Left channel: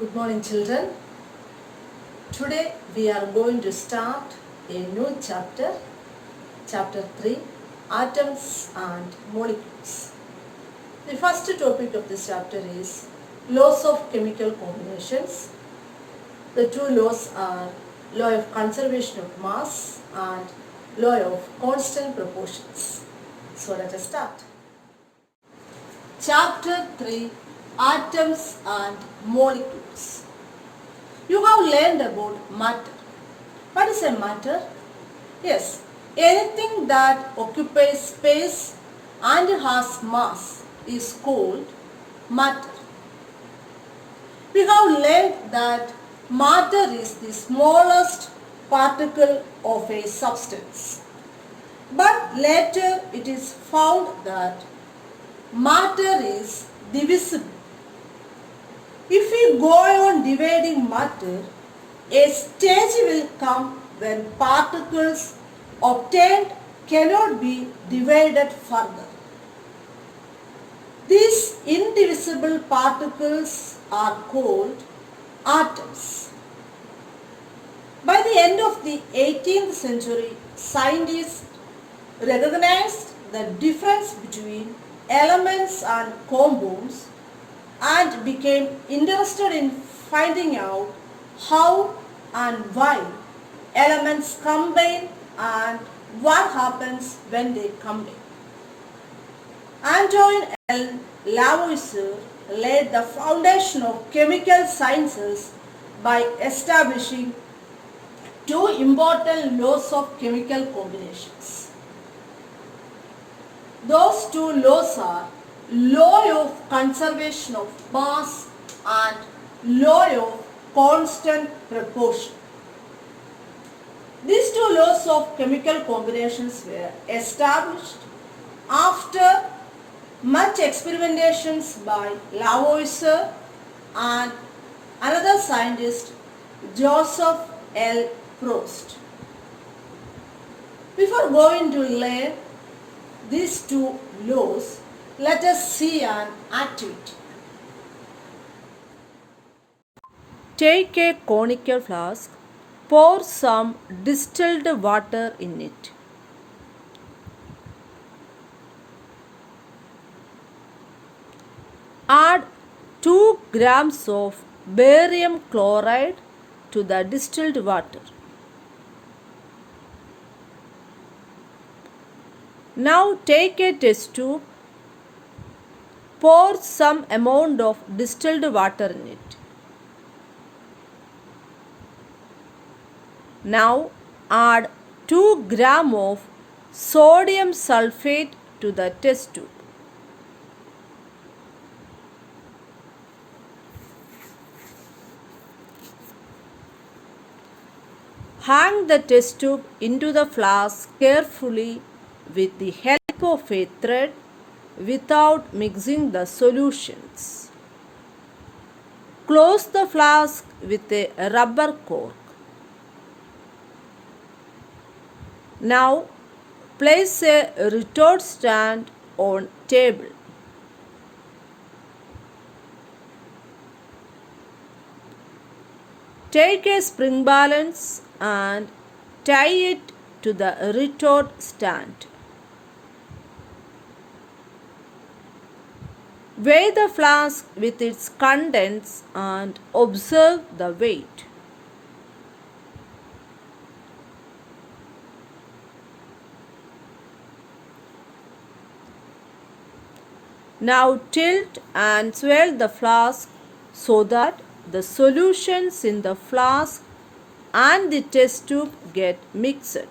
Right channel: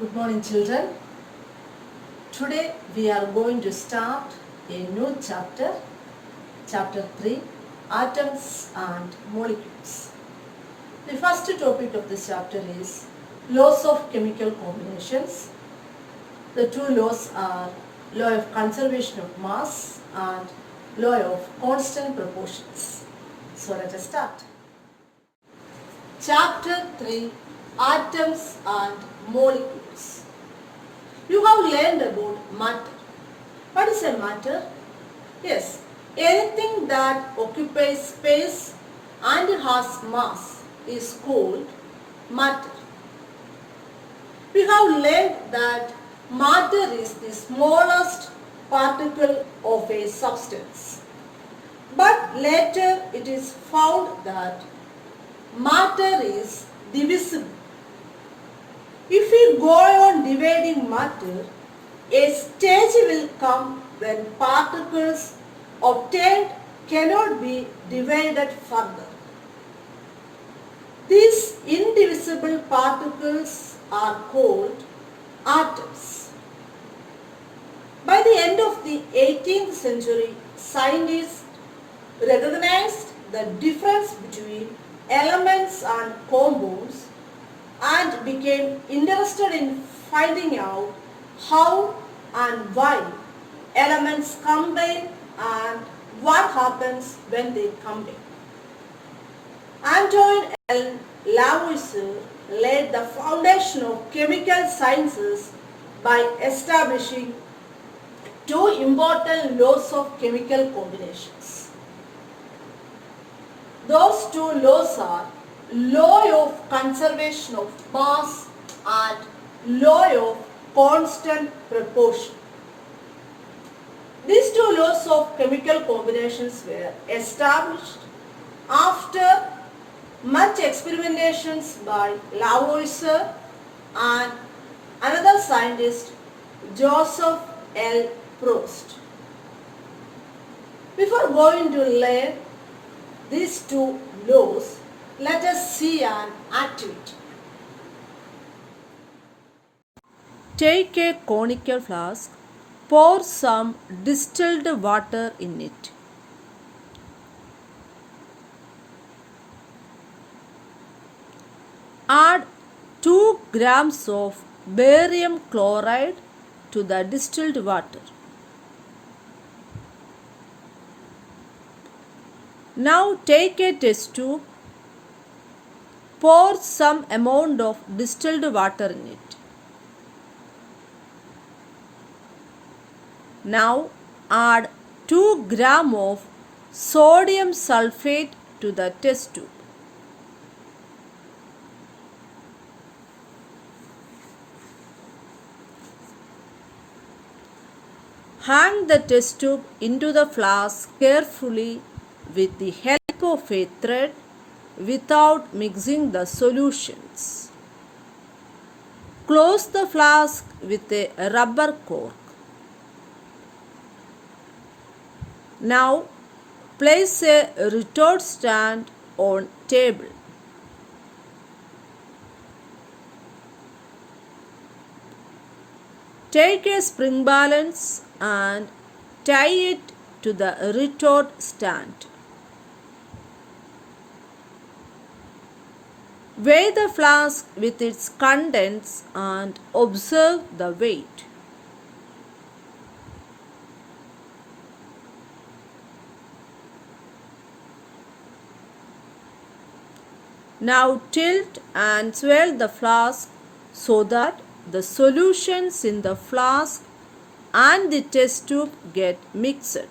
Good morning, children. Today we are going to start a new chapter, chapter 3, Atoms and Molecules. The first topic of this chapter is laws of chemical combinations. The two laws are law of conservation of mass and law of constant proportions. So let us start. Chapter 3, Atoms and Molecules. You have learned about matter. What is a matter? Yes, anything that occupies space and has mass is called matter. We have learned that matter is the smallest particle of a substance. But later it is found that matter is divisible. If we go on dividing matter, a stage will come when particles obtained cannot be divided further. These indivisible particles are called atoms. By the end of the 18th century, scientists recognized the difference between elements and compounds and became interested in finding out how and why elements combine and what happens when they combine. Antoine L. Lavoisier laid the foundation of chemical sciences by establishing two important laws of chemical combinations. Those two laws are law of conservation of mass and law of constant proportion. These two laws of chemical combinations were established after much experimentations by Lavoisier and another scientist, Joseph L. Proust. Before going to learn these two laws, let us see an activity. Take a conical flask, pour some distilled water in it. Add 2 grams of barium chloride to the distilled water. Now take a test tube, pour some amount of distilled water in it. Now add 2 grams of sodium sulfate to the test tube. Hang the test tube into the flask carefully with the help of a thread without mixing the solutions. Close the flask with a rubber cork. Now place a retort stand on table. Take a spring balance and tie it to the retort stand. Weigh the flask with its contents and observe the weight. Now tilt and swirl the flask so that the solutions in the flask and the test tube get mixed.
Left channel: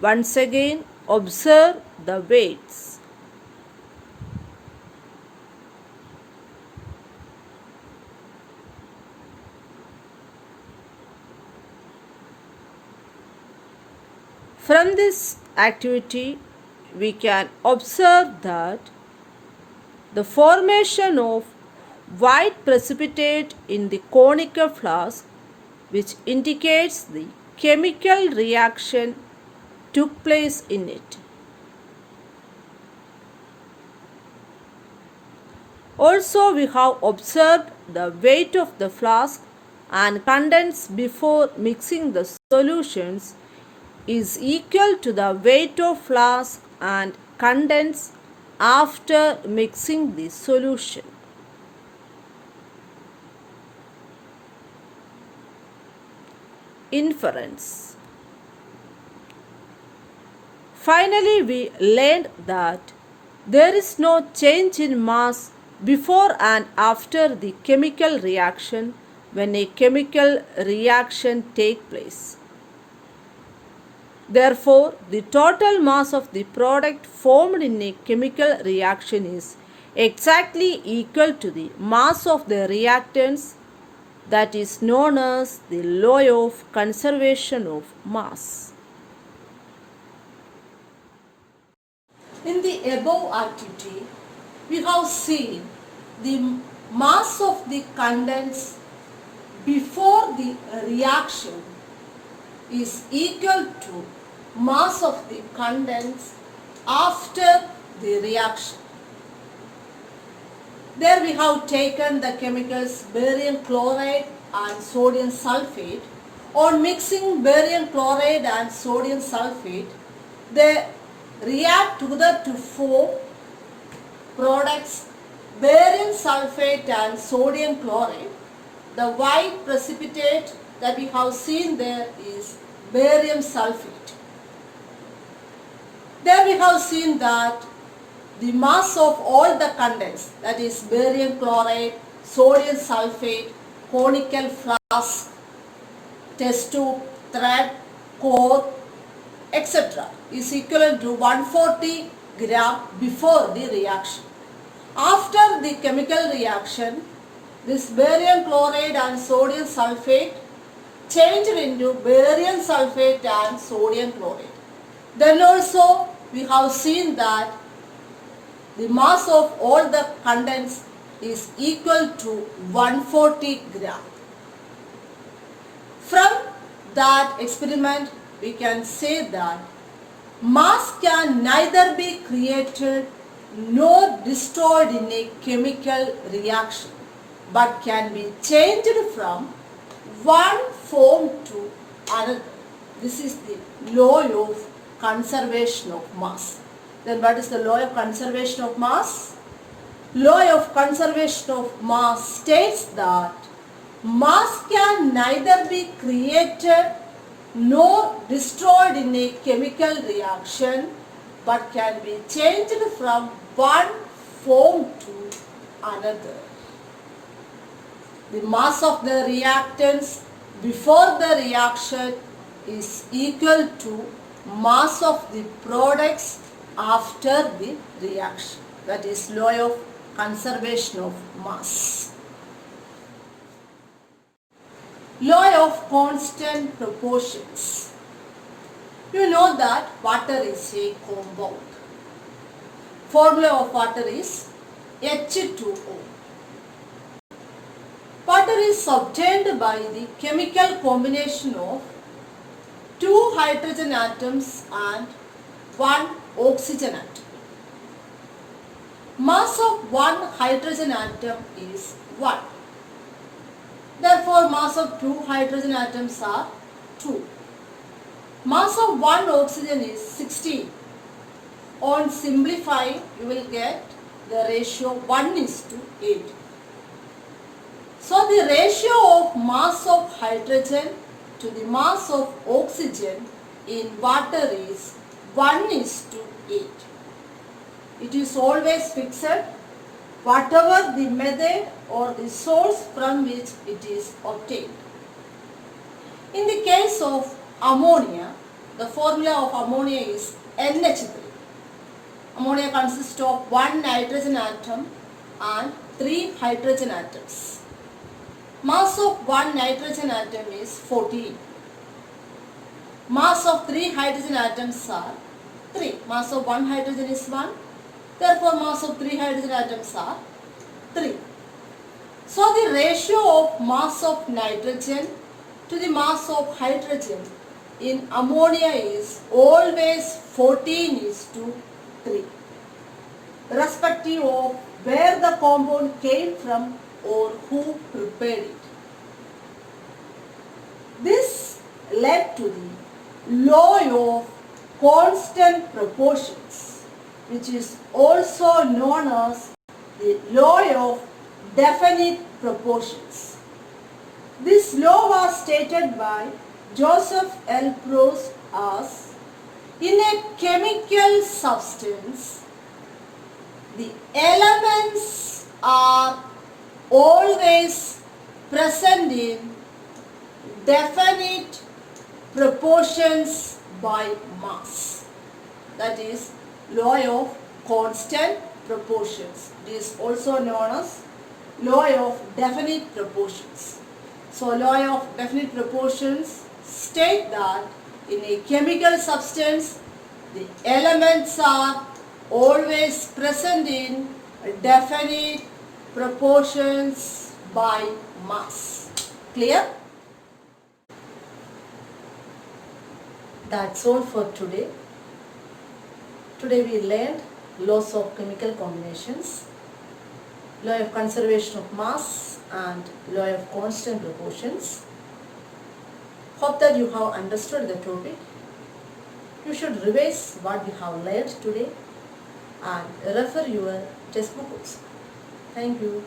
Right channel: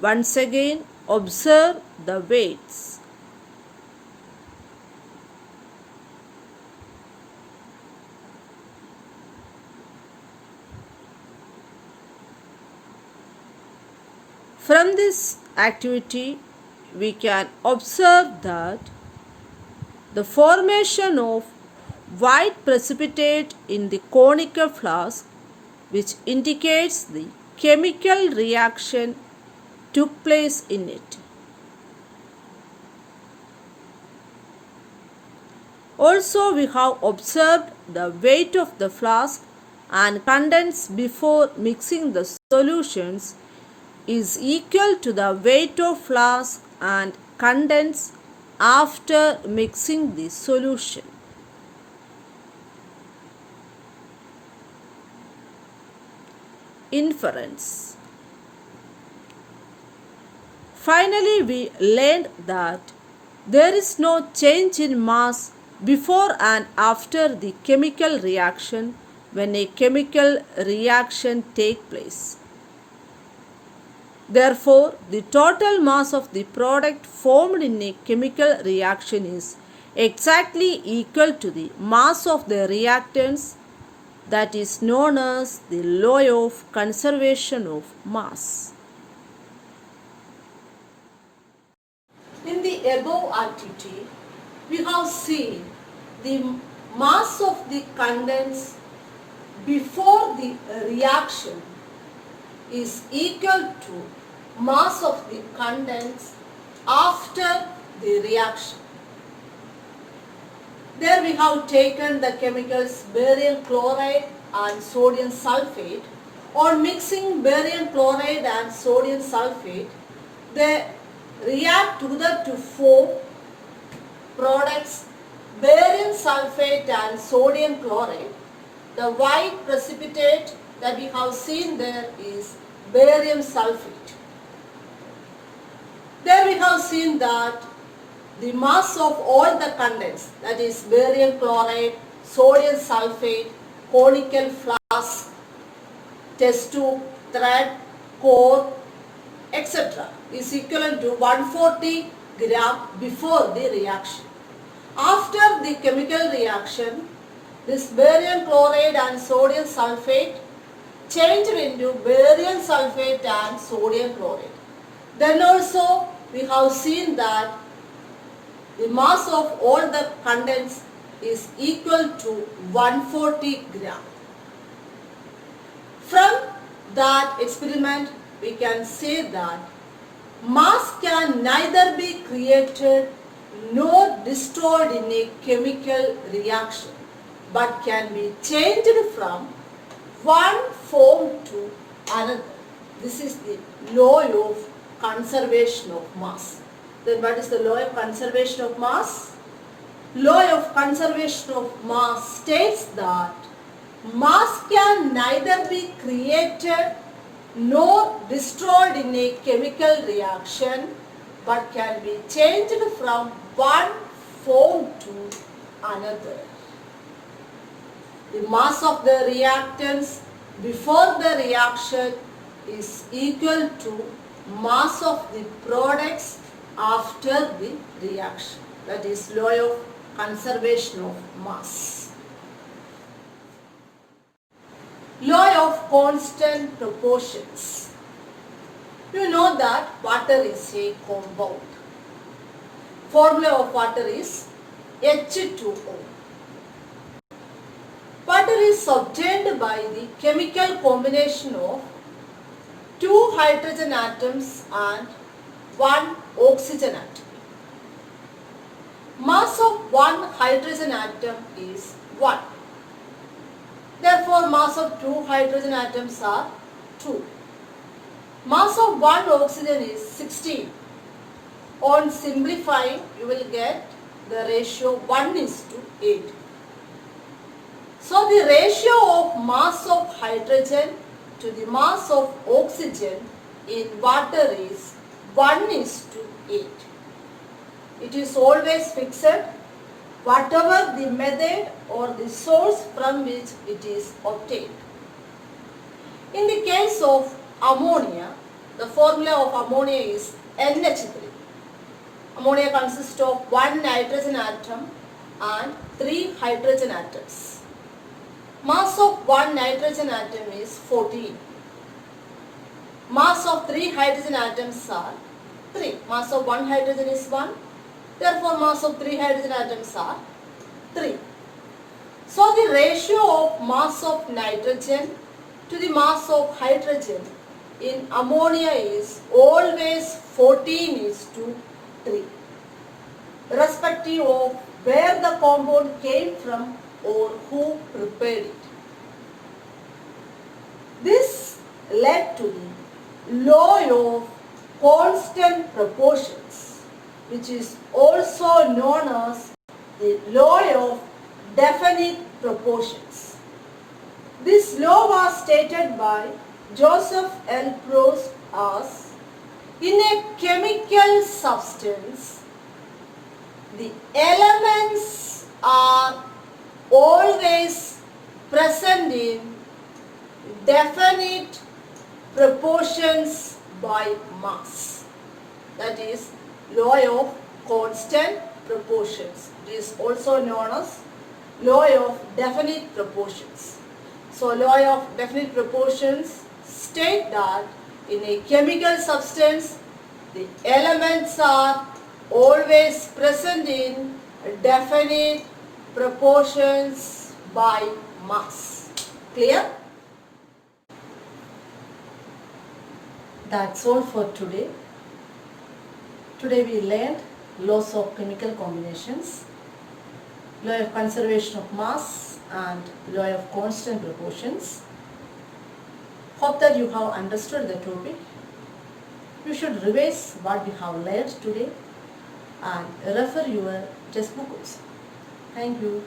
Once again, observe the weights. From this activity, we can observe that the formation of white precipitate in the conical flask, which indicates the chemical reaction took place in it. Also, we have observed the weight of the flask and contents before mixing the solutions is equal to the weight of flask and contents after mixing the solution. Inference. Finally, we learned that there is no change in mass before and after the chemical reaction when a chemical reaction takes place. Therefore, the total mass of the product formed in a chemical reaction is exactly equal to the mass of the reactants. That is known as the law of conservation of mass. In the above activity, we have seen the mass of the contents before the reaction is equal to mass of the contents after the reaction. There we have taken the chemicals barium chloride and sodium sulfate. On mixing barium chloride and sodium sulfate, they react together to form products barium sulfate and sodium chloride. The white precipitate that we have seen there is barium sulfate. There we have seen that the mass of all the contents, that is barium chloride, sodium sulfate, conical flask, test tube, thread, core, etc. is equivalent to 140 gram before the reaction. After the chemical reaction, this barium chloride and sodium sulfate changed into barium sulfate and sodium chloride. Then also we have seen that the mass of all the contents is equal to 140 gram. From that experiment, we can say that mass can neither be created nor destroyed in a chemical reaction, but can be changed from one form to another. This is the law of conservation of mass. Then what is the law of conservation of mass? Law of conservation of mass states that mass can neither be created nor destroyed in a chemical reaction, but can be changed from one form to another. The mass of the reactants before the reaction is equal to mass of the products after the reaction. That is law of conservation of mass. Law of constant proportions. You know that water is a compound. Formula of water is H2O. Water is obtained by the chemical combination of 2 hydrogen atoms and 1 oxygen atom. Mass of 1 hydrogen atom is 1. Therefore, mass of 2 hydrogen atoms are 2. Mass of 1 oxygen is 16. On simplifying, you will get the ratio 1:8. So, the ratio of mass of hydrogen to the mass of oxygen in water is 1:8. It is always fixed, whatever the method or the source from which it is obtained. In the case of ammonia, the formula of ammonia is NH3. Ammonia consists of 1 nitrogen atom and 3 hydrogen atoms. Mass of 1 nitrogen atom is 14. Mass of 3 hydrogen atoms are 3. Mass of 1 hydrogen is 1. Therefore, mass of 3 hydrogen atoms are 3. So, the ratio of mass of nitrogen to the mass of hydrogen in ammonia is always 14:3, irrespective of where the compound came from or who prepared it. This led to the law of constant proportions, which is also known as the law of definite proportions. This law was stated by Joseph L. Proust as, in a chemical substance, the elements are always present in definite proportions by mass. That is law of constant proportions. It is also known as law of definite proportions. So law of definite proportions state that in a chemical substance the elements are always present in definite proportions by mass. Clear? That's all for today. Today we learned laws of chemical combinations, law of conservation of mass and law of constant proportions. Hope that you have understood the topic. You should revise what we have learned today and refer your textbook also. Thank you.